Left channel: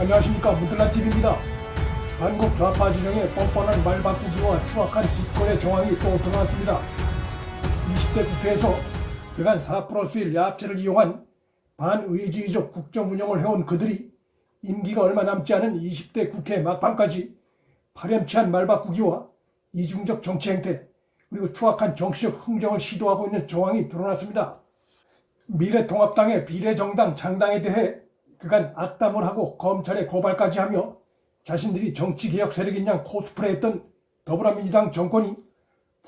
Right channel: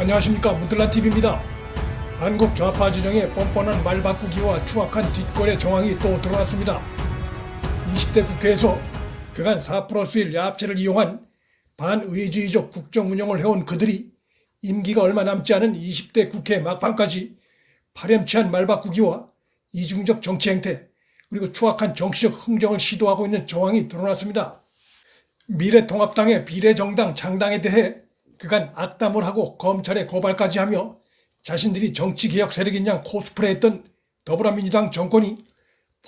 안녕하십니까 문틀라TV입니다. 한국 좌파 진영의 뻔뻔한 말 바꾸기와 추악한 뒷거래 정황이 또 드러났습니다. 20대 국회에서 그간 4 플러스 1 야합체를 이용한 반의주의적 국정 운영을 해온 그들이 임기가 얼마 남지 않은 20대 국회 막판까지 파렴치한 말 바꾸기와 이중적 정치 행태 그리고 추악한 정치적 흥정을 시도하고 있는 정황이 드러났습니다. 미래통합당의 비례정당 창당에 대해 그간 악담을 하고 검찰에 고발까지 하며 자신들이 정치개혁 세력인 양 코스프레했던 더불어민주당 정권이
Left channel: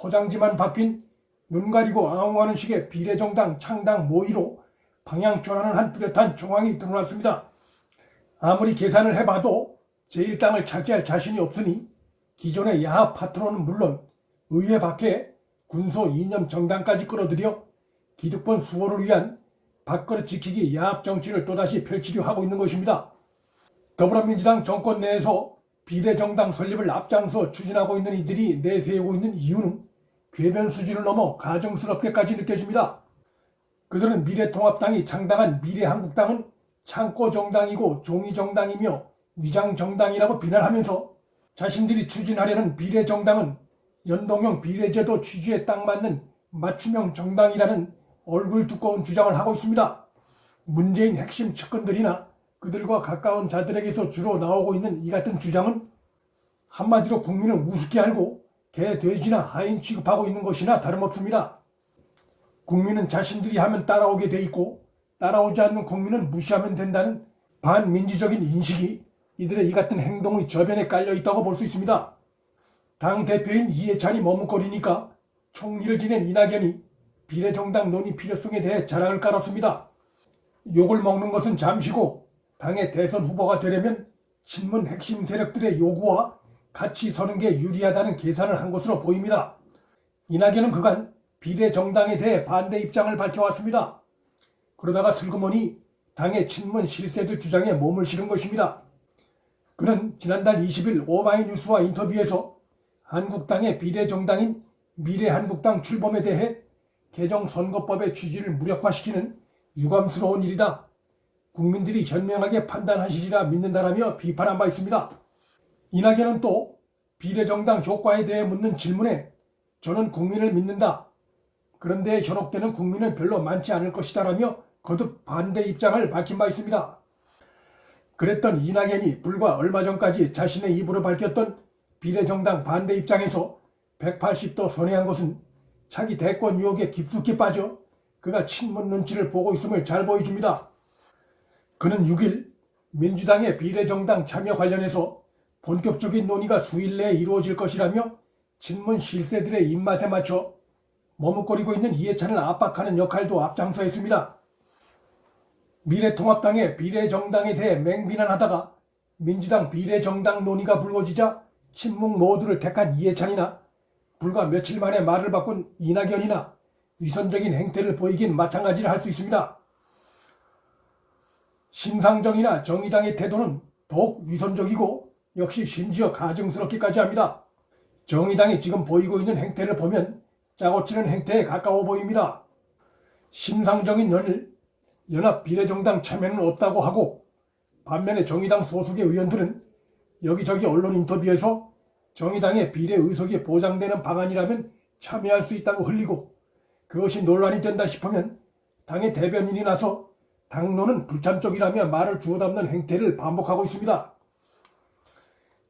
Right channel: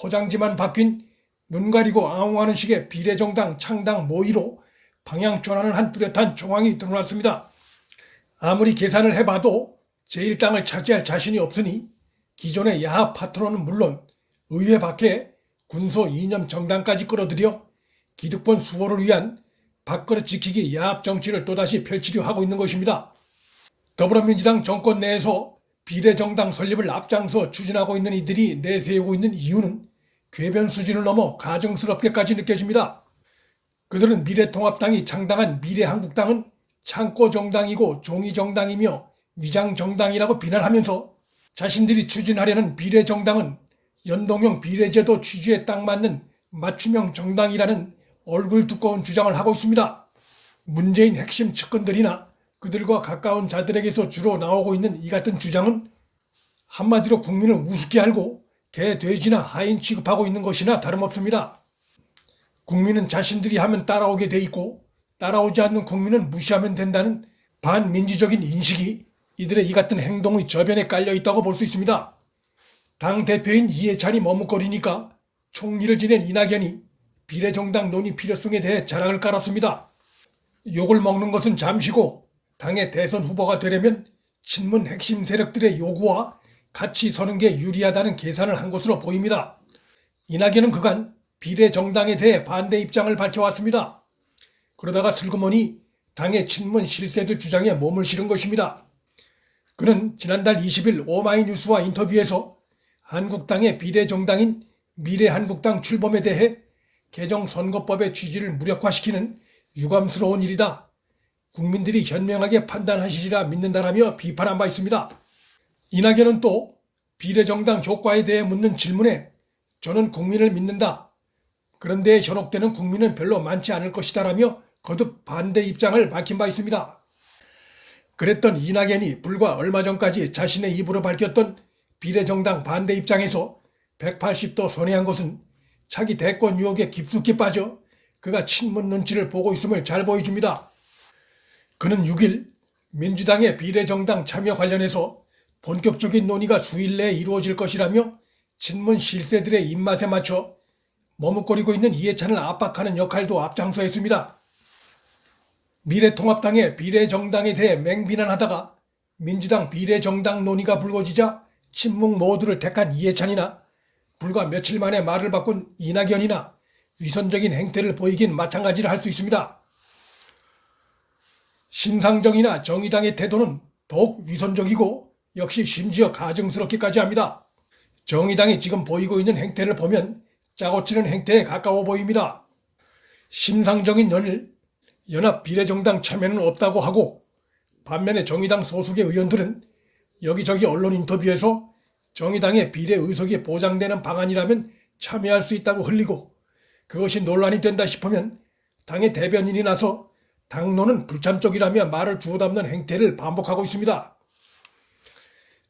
포장지만 바뀐 눈 가리고 앙호하는 식의 비례정당 창당 모의로 방향 전환을 한 뚜렷한 정황이 드러났습니다. 아무리 계산을 해봐도 제1당을 차지할 자신이 없으니 기존의 야합 파트너는 물론 의회 밖에 군소 이념 정당까지 끌어들여 기득권 수호를 위한 밥그릇 지키기 야합 정치를 또다시 펼치려 하고 있는 것입니다. 더불어민주당 정권 내에서 비례정당 설립을 앞장서 추진하고 있는 이들이 내세우고 있는 이유는 궤변 수준을 넘어 가정스럽게까지 느껴집니다. 그들은 미래통합당이 창당한 미래한국당은 창고 정당이고 종이 정당이며 위장 정당이라고 비난하면서 자신들이 추진하려는 비례 정당은 연동형 비례제도 취지에 딱 맞는 맞춤형 정당이라는 얼굴 두꺼운 주장을 하고 있습니다. 문재인 핵심 측근들이나 그들과 가까운 자들에게서 주로 나오고 있는 이 같은 주장은 한마디로 국민을 우습게 알고 개, 돼지나 하인 취급하고 있는 것이나 다름없습니다. 국민은 자신들이 하면 따라오게 돼 있고 따라오지 않는 국민은 무시하면 된다는 반민주적인 인식이 이들의 이 같은 행동의 저변에 깔려 있다고 볼 수 있습니다. 당 대표인 이해찬이 머뭇거리니까 총리를 지낸 이낙연이 비례정당 논의 필요성에 대해 자락을 깔았습니다. 욕을 먹는 것은 잠시고 당의 대선 후보가 되려면 친문 핵심 세력들의 요구와 같이 서는 게 유리하다는 계산을 한 것으로 보입니다. 이낙연은 그간 비례정당에 대해 반대 입장을 밝혀왔습니다. 그러다가 슬그머니 당의 친문 실세들 주장에 몸을 실은 것입니다. 그는 지난달 20일 오마이뉴스와 인터뷰에서 한국당의 비례정당인 미래한국당 출범에 대해 개정 선거법의 취지를 무력화시키는 유감스러운 일이다. 국민들이 현명하게 판단하시리라 믿는다라며 비판한 바 있습니다. 이낙연은 또 비례정당 효과에 대해 묻는 질문에 저는 국민을 믿는다. 그런데 현혹되는 국민은 별로 많지 않을 것이다라며 거듭 반대 입장을 밝힌 바 있습니다. 그랬던 이낙연이 불과 얼마 전까지 자신의 입으로 밝혔던 비례정당 반대 입장에서 180도 선회한 것은 차기 대권 유혹에 깊숙이 빠져 그가 친문 눈치를 보고 있음을 잘 보여줍니다. 그는 6일 민주당의 비례정당 참여 관련해서 본격적인 논의가 수일 내에 이루어질 것이라며 친문 실세들의 입맛에 맞춰 머뭇거리고 있는 이해찬을 압박하는 역할도 앞장서 했습니다. 미래통합당의 비례정당에 대해 맹비난하다가 민주당 비례정당 논의가 불거지자 친문 모두를 택한 이해찬이나 불과 며칠 만에 말을 바꾼 이낙연이나 위선적인 행태를 보이긴 마찬가지를 할 수 있습니다. 심상정이나 정의당의 태도는 더욱 위선적이고 역시 심지어 가증스럽기까지 합니다. 정의당이 지금 보이고 있는 행태를 보면 짜고 치는 행태에 가까워 보입니다. 심상정인 연일 연합 비례정당 참여는 없다고 하고 반면에 정의당 소속의 의원들은 여기저기 언론 인터뷰에서 정의당의 비례 의석이 보장되는 방안이라면 참여할 수 있다고 흘리고 그것이 논란이 된다 싶으면 당의 대변인이 나서 당론은 불참적이라며 말을 주워 담는 행태를 반복하고 있습니다.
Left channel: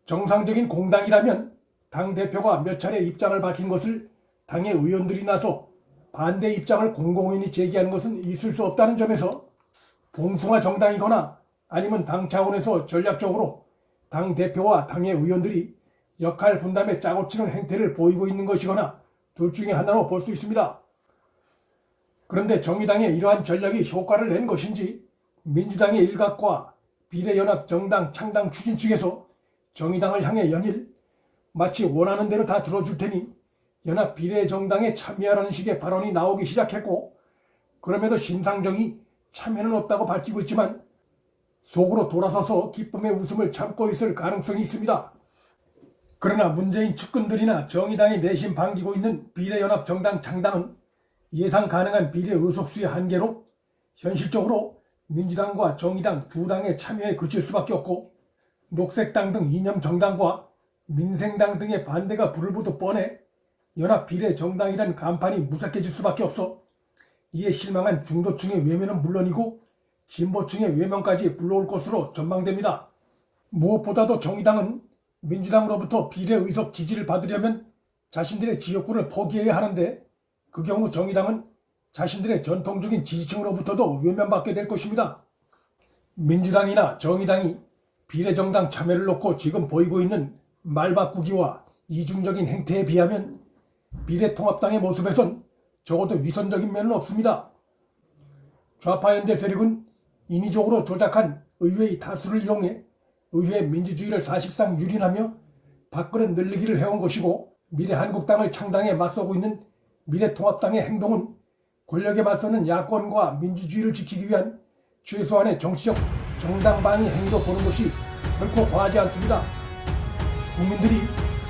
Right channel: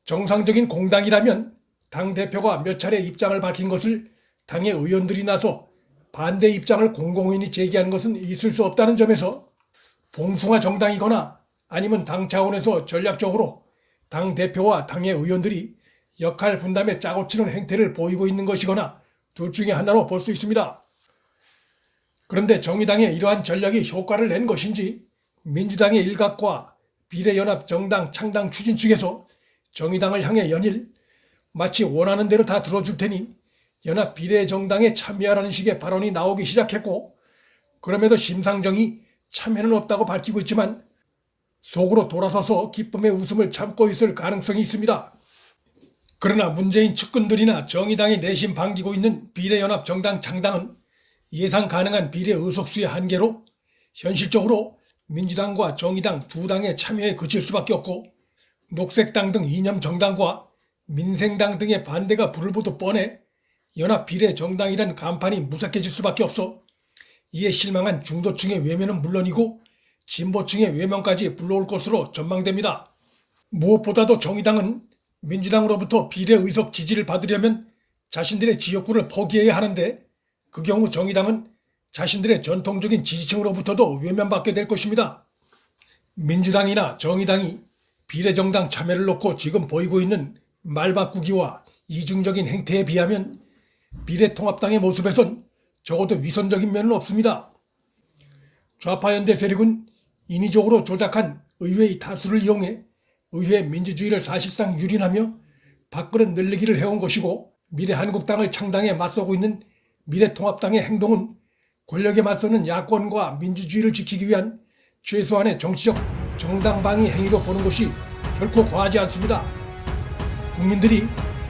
정상적인 공당이라면 당 대표가 몇 차례 입장을 밝힌 것을 당의 의원들이 나서 반대 입장을 공공연히 제기한 것은 있을 수 없다는 점에서 봉숭아 정당이거나 아니면 당 차원에서 전략적으로 당 대표와 당의 의원들이 역할 분담에 짜고 치는 행태를 보이고 있는 것이거나 둘 중에 하나로 볼 수 있습니다. 그런데 정의당의 이러한 전략이 효과를 낸 것인지 민주당의 일각과 비례연합 정당 창당 추진 측에서 정의당을 향해 연일 마치 원하는 대로 다 들어줄 테니 연합 비례정당에 참여하라는 식의 발언이 나오기 시작했고 그럼에도 심상정이 참여는 없다고 밝히고 있지만 속으로 돌아서서 기쁨의 웃음을 참고 있을 가능성이 있습니다. 그러나 문재인 측근들이나 정의당이 내심 반기고 있는 비례연합 정당 창당은 예상 가능한 비례 의석수의 한계로 현실적으로 민주당과 정의당 두 당의 참여에 그칠 수밖에 없고 녹색당 등 이념 정당과 민생당 등의 반대가 불을 보듯 뻔해 연합 비례 정당이란 간판이 무색해질 수밖에 없어 이에 실망한 중도층의 외면은 물론이고 진보층의 외면까지 불러올 것으로 전망됩니다. 무엇보다도 정의당은 민주당으로부터 비례 의석 지지를 받으려면 자신들의 지역구를 포기해야 하는데 그 경우 정의당은 자신들의 전통적인 지지층으로부터도 외면받게 될 것입니다. 민주당이나 정의당이 비례정당 참여를 놓고 지금 보이고 있는 말바꾸기와 이중적인 행태에 비하면 미래통합당의 모습에선 적어도 위선적인 면은 없습니다. 좌파 연대 세력은 인위적으로 조작한 의회의 다수를 이용해 의회 민주주의를 사실상 유린하며 밥그릇 늘리기를 해온 것이고 미래한국당을 창당해 맞서고 있는 미래통합당의 행동은 권력에 맞서는 야권과 민주주의를 지키기 위한 최소한의 정치적 정당방위 행위로 보는 것이 결코 과하지 않습니다. 국민들이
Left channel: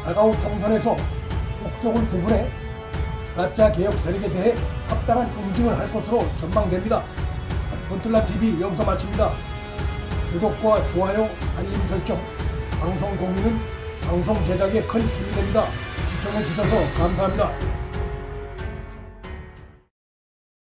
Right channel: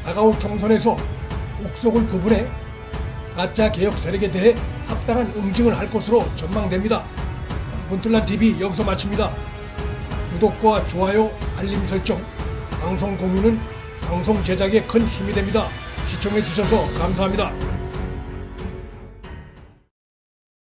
다가올 총선에서 옥석을 구분해 가짜 개혁 세력에 대해 합당한 응징을 할 것으로 전망됩니다. 본틀란 TV 여기서 마칩니다. 구독과 좋아요, 알림 설정, 방송 공유는 방송 제작에 큰 힘이 됩니다. 시청해 주셔서 감사합니다.